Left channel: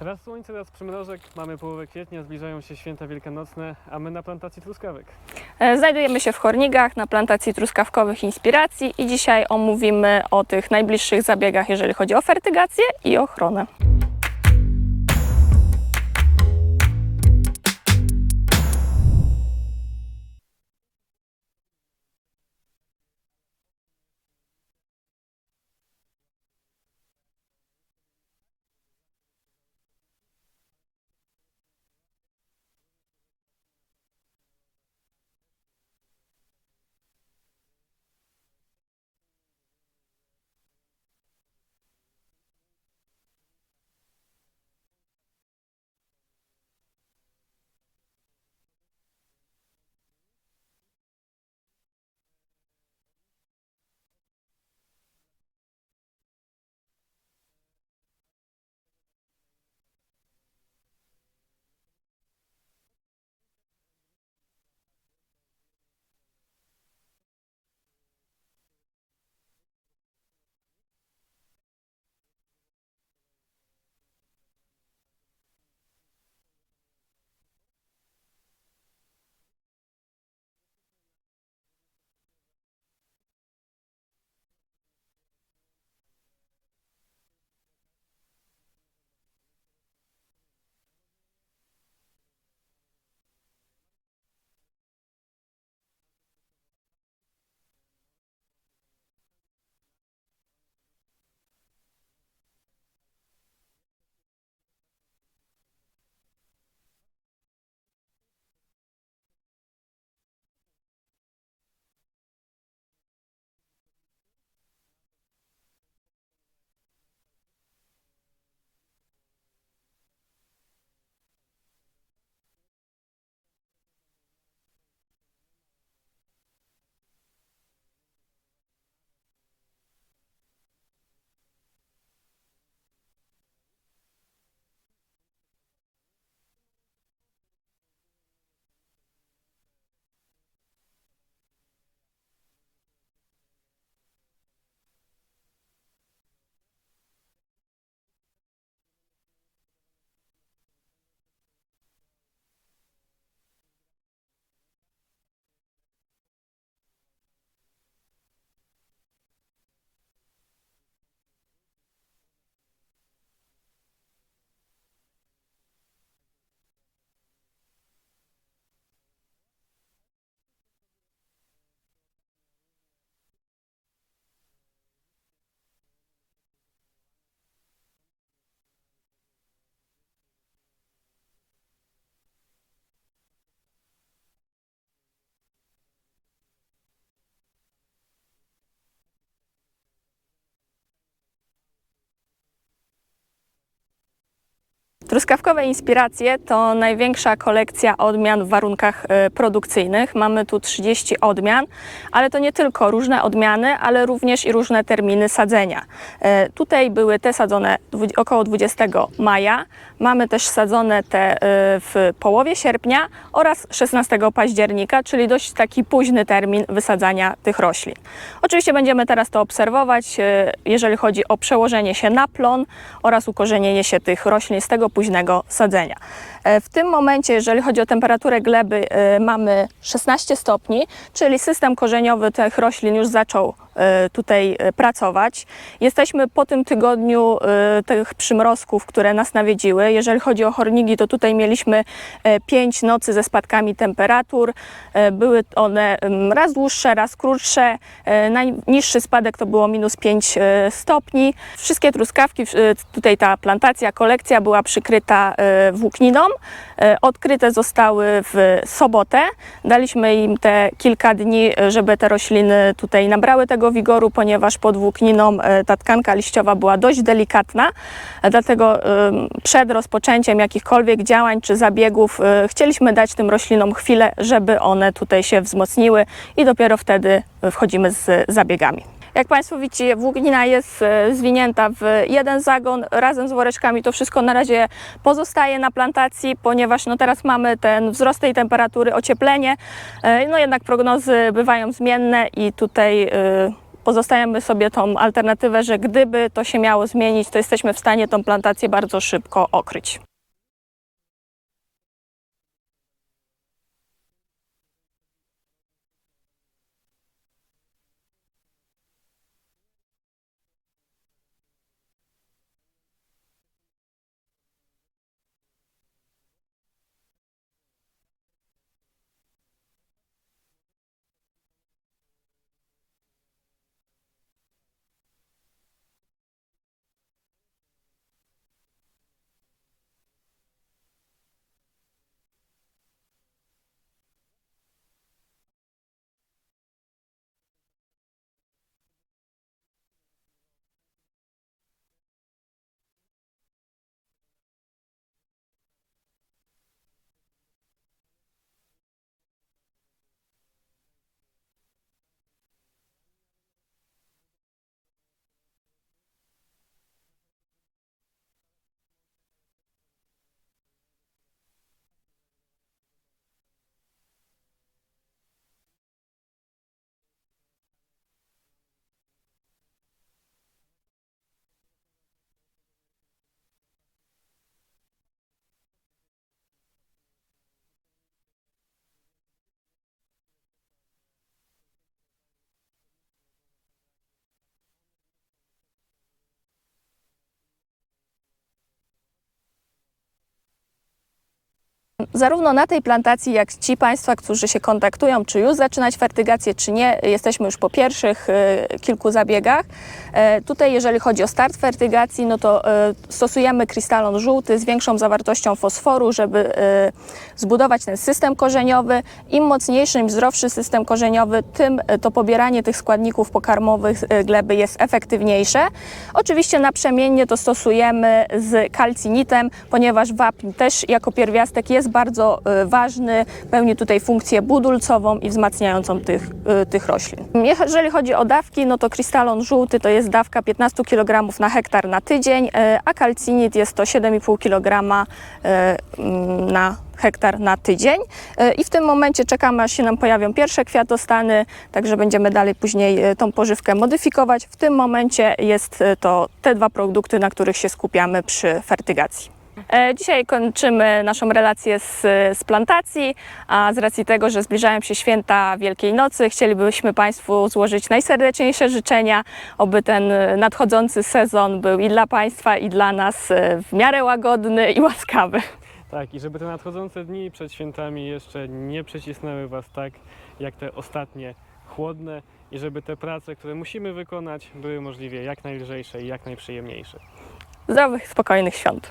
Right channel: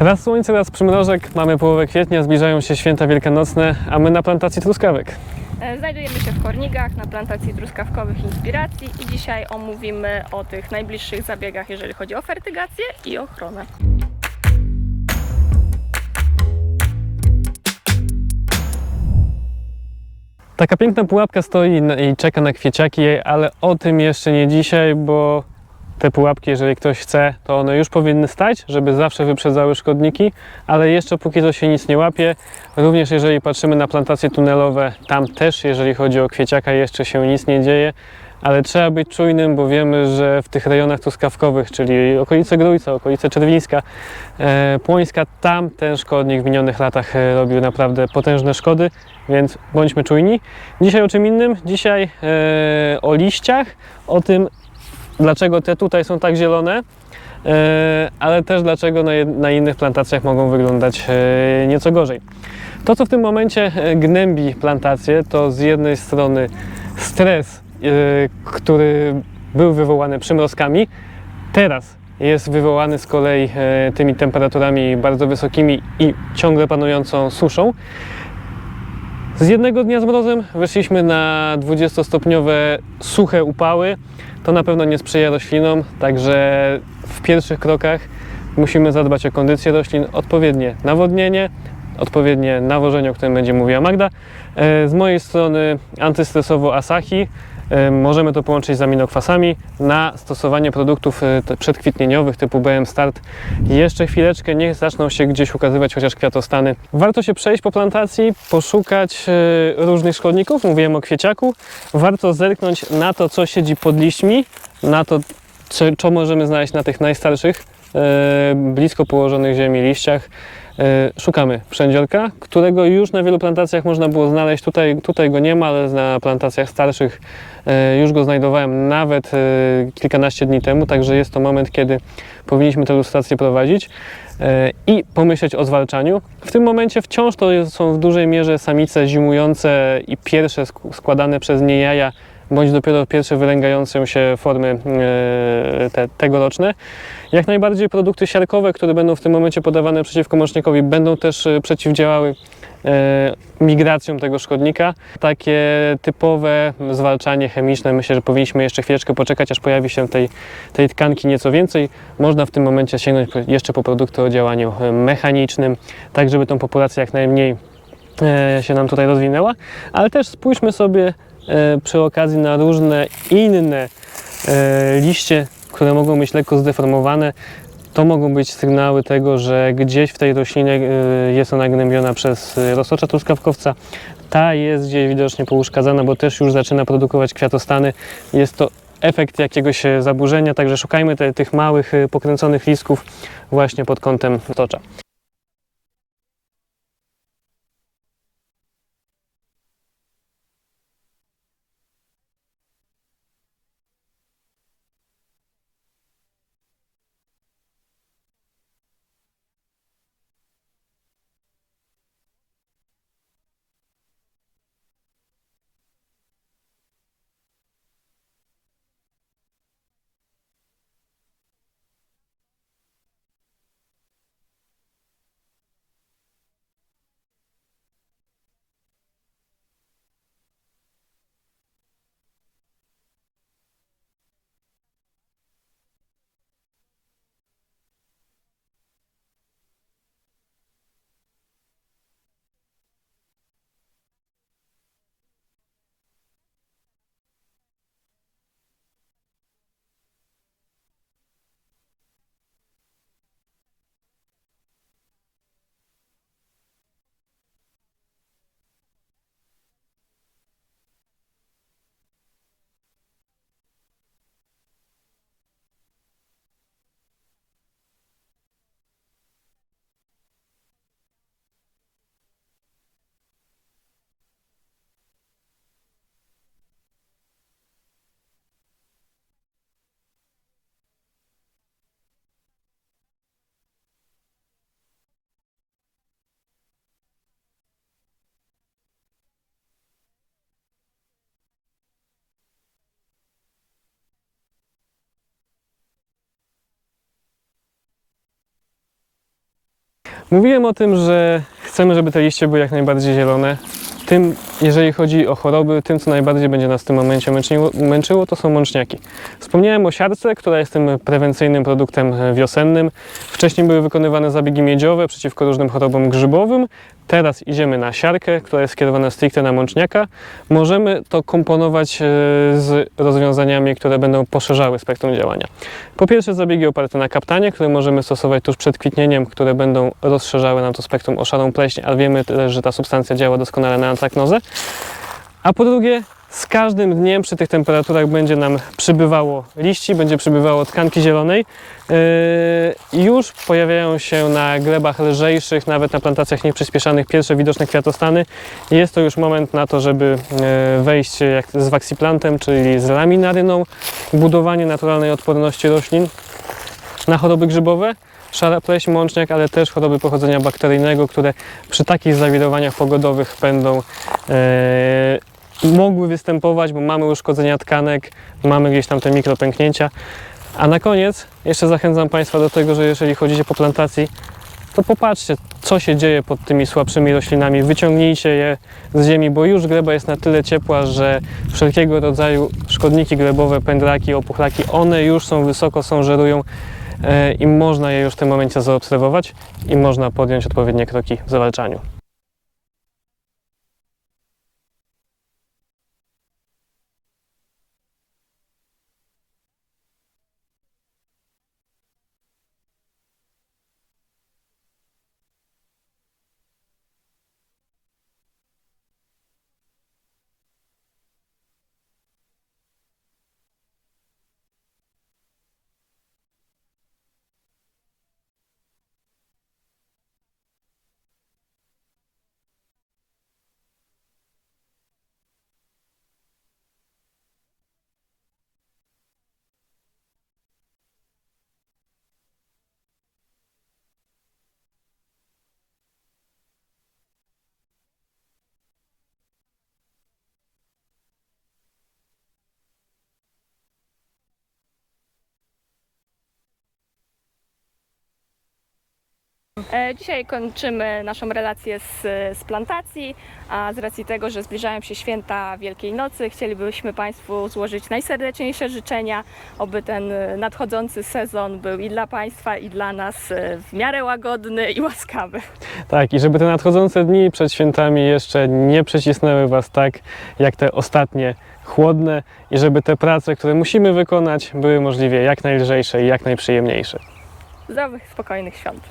Raz słońce, raz przymrożek, mamy połowę kwietnia, zbliżają się święta wielkanocne, a my na plantacji truskawek. E, Znajdujemy się w Hornigach na plantacji truskawkowych Inspiracji i dzisiaj omówimy o tych najbliższych zabiegach, jeżeli chodzi o fertygację i ochronę. Taka piękna pułapka stoi i czeka na kwieciaki, ale o tym jeszcze nie dzisiaj, bo te pułapki, jeżeli ktoś chce, to one już powinny stać, żeby zawsze wyprzedzały szkodniki, ale jeszcze póki to się nic nie łapie. Również jeżeli patrzymy na plantacje tunelowe, tam też, jeżeli chodzi o kwieciaka, jeszcze się nic nie dzieje, ale trzeba być czujnym, bo wiemy, że w tych rejonach truskawkowych, czyli okolice Grójca, okolice Czerwińska, e, Płońska, tam ten szkodnik w minionych latach e, robił naprawdę potężne szkody, więc bądźmy czujni. Dzisiaj o czym innym? Dzisiaj e, o liściach, o tym, dlaczego te tutaj są tak zielone, e, ale też dlaczego na, innych plantacjach mogą wyglądać e, nieco gorzej. To, co w tym momencie e, gnębi plantację, to z jednej strony stres, który był wywołany przymrozkami, teraz jest wywołany z kolei tymi temperaturami bardzo wysokimi i ciągle panującą suszą. Z jednego dnia z mrozem wyszliśmy na 20-stopniowe suche upały. To na pewno nie sprzyja roślinom, także w pierwszych krokach musimy zadbać o kondycję roślin, odpowiednie nawodnienie, odpowiednie nawożenie, o którym będzie mówiła Magda. E, Z mojej strony antystresowo Asahi. Możemy to połączyć z aminokwasami na stosowanie produktów e, przedkwitnieniowych typu BM Start. Jeszcze chwileczkę, niech zaczną się gdzieś ukazywać chociaż kwiatostany. Warto się przejść po plantacji, poszukać e, różnych szkodników. Mówiłem o kwieciaku. Warto zerknąć na to, co siedzi pod liśćmi, na to, co, co możemy znaleźć na tych najstarszych, e, blisko położonych ziemi liściach. E, Szukamy przędziorka, którego już na wielu plantacjach można było znaleźć. Tutaj, tutaj go nie ma, ale na plantacjach starszych e, już go znajdowałem nawet e, kilkanaście dni temu, także jest to moment, kiedy powinniśmy tę ilustrację prowadzić i pomyśleć o zwalczaniu. W tym momencie wciąż to są w dużej mierze samice zimujące i pierwsze sk- składane przez nie jaja, bądź dopiero pierwsze wylęgające się formy te, tegoroczne. Jak najbardziej produkty siarkowe, które będą w tym momencie podawane przeciwko mocznikowi, będą też e, przeciwdziałały e, migracjom tego szkodnika. Takie typowe zwalczanie chemiczne, myślę, że powinniśmy jeszcze chwileczkę poczekać, aż pojawi się tej, tej tkanki nieco więcej. Można w tym momencie sięgnąć jeszcze po produkty o działaniu e, mechanicznym, tak żeby tą populację jak najmniej się nam tutaj rozwinęła, ale też spójrzmy sobie przy okazji na różne inne liście, które mogą być lekko zdeformowane. To mogą być sygnały tego, że gdzieś w tej roślinie e, jest ona gnębiona przez e, roztocza truskawkowca. Ta jest gdzieś widocznie pouszkadzana, bo też już zaczyna produkować kwiatostany. Jest to efekt jakiegoś e, zaburzenia, także szukajmy te, tych małych, e, pokręconych listków właśnie pod kątem tocza. Truskawkowe Inspiracje to największa kolekcja odmian w warunkach e, produkcyjnych. Mamy tu 30 odmian, ale to nie tylko różne odmiany, ale również i różne terminy sadzenia. E, Tutaj były te sadzone około 20 maja. Mamy też sadzone te e, w połowie sierpnia oraz 16 października, czyli dość taki późny termin wysadzania tych roślin. Oczywiście będziemy teraz to obserwować, jeżeli chodzi o przełożenie się na plon oraz ukorzenienie się tych roślin z tego późnego sadzenia. E, W tym momencie, jeżeli chodzi o temperaturę gleby, e, mamy 16 stopni, czyli system korzeniowy tych roślin już zaczął e, tutaj pracować. Jesteśmy po tym tygodniu tych przymrozków, które nas nawiedziły. Jeżeli chodzi o hornigi, to tutaj mieliśmy 5 nocy ze spadkami temperatur. Były one raz dłuższe, raz krótsze. Najniższy spadek to było minus 5 e, stopni. Wszystkie truskawki, tutaj ta plantacja, kolekcja była przykryta włókniną. E, Odkryte zostały w sobotę. Daliśmy im te kilka dni, e, żeby te rośliny tutaj nabrały tego wigoru, ponieważ pod włókniną e, ta tkanka liściowa była dość delikatna. Dlatego przed rozpoczęciem jakichkolwiek działań czy zabiegów chcieliśmy dać tym roślinom chwilę, żeby one tutaj się wzmocniły i dopiero wtedy wchodzimy z zabiegami. Jak Państwo widzicie, włóknina jest e, zwinięta w jeden zagon razem z woreczkami. To wszystko na razie pozostaje na plantacji, ponieważ no teraz mamy ten wzrost tej temperatury, ocieplenie. E, No jednak prognozy bywają zmienne i tutaj e, pozostajemy sobie tą alternatywę, że gdyby to się miało zmienić, to jesteśmy w stanie tą plantację bardzo szybko okryć. Mówiłem o tym, że chcemy, żeby te liście były jak najbardziej zielone. Tym, jeżeli chodzi o choroby, tym, co najbardziej będzie nas w tym momencie męczyło, to są mączniaki. Wspomniałem o siarce, która jest tym prewencyjnym produktem wiosennym. Wcześniej były wykonywane zabiegi miedziowe przeciwko różnym chorobom grzybowym. Teraz idziemy na siarkę, która jest skierowana stricte na mączniaka. Możemy to komponować e, z rozwiązaniami, które będą poszerzały spektrum działania. Po pierwsze zabiegi oparte na kaptanie, które możemy stosować tuż przed kwitnieniem, które będą rozszerzały nam to spektrum o szarą pleśń, ale wiemy też, że ta substancja działa doskonale na antraknozę. A po drugie, z każdym dniem przy tych temperaturach będzie nam przybywało liści, będzie przybywało tkanki zielonej. Yy, już pojawiają się na glebach lżejszych, nawet na plantacjach nieprzyspieszanych pierwsze widoczne kwiatostany. Jest to już moment na to, żeby yy, wejść jak z waksiplantem, czyli z laminaryną, budowanie naturalnej odporności roślin na choroby grzybowe, szara pleśń, mączniak, ale też choroby pochodzenia bakteryjnego, które przy takich zawirowaniach pogodowych będą e, mogły występować, bo mamy uszkodzenia tkanek, mamy gdzieś tam te mikropęknięcia. A na koniec jeszcze zachęcam Państwa do tego, że jeżeli chodzicie po plantacji, to popatrzcie, co się dzieje pod tymi słabszymi roślinami. Wyciągnijcie je z ziemi, bo już gleba jest na tyle ciepła, że wszelkiego rodzaju szkodniki glebowe, pędraki, opuchlaki, one już są wysoko, są żerują i można je już w tym momencie zaobserwować i można podjąć odpowiednie kroki w zawalczaniu. Zarówno na tej plantacji, jak ci Państwa, którzy się kontaktują, czy już zaczynać fertygację, czy nie, jesteśmy już po pierwszych e, kilku zabiegach. E, tutaj, jeżeli chodzi o start fertygacji, no to e, stosujemy krystalon żółty z większą zawartością fosforu, żeby e, zbudować ten system korzeniowy. Im mocniejszy, im zdrowszy system korzeniowy, tym e, to pobieranie tych składników pokarmowych e, gleby jest efektywniejsze. Oczywiście naprzemiennie to stosujemy z kalcinitem, ponieważ wapń też jako pierwiastek jest bardzo e, ważny, pełni tutaj funkcję budulcową i wzmacniającą tych, e, tych roślin. Jeżeli chodzi o dawki, no to krystalon żółty to jest dawka 15 kg na hektar na tydzień, e, a kalcinit jest to 7,5 kg na hektar na tydzień. E, I w tym momencie czekamy, aż się nam pojawią pierwsze kwiatostany, także będziemy dalej później e, tą pożywkę modyfikować. W tym momencie jest e, to te dwa produkty, na których się skupiamy przy fertygacji. E, Dzisiaj kończymy naszą relację z, z plantacji, a z racji tego, że zbliżają się święta Wielkiej Nocy, chcielibyśmy Państwu złożyć najserdeczniejsze życzenia, oby ten nadchodzący sezon był i dla Państwa, i dla nas e, w miarę łagodny i łaskawy. Tak, i żeby te nadchodzące dni przed świętami jeszcze nie przecisnęły Was tak, jak te ostatnie chłodne i żeby te prace, które musimy wykonać, były możliwie jak najlżejsze i jak najprzyjemniejsze. Zdrowych, spokojnych świąt.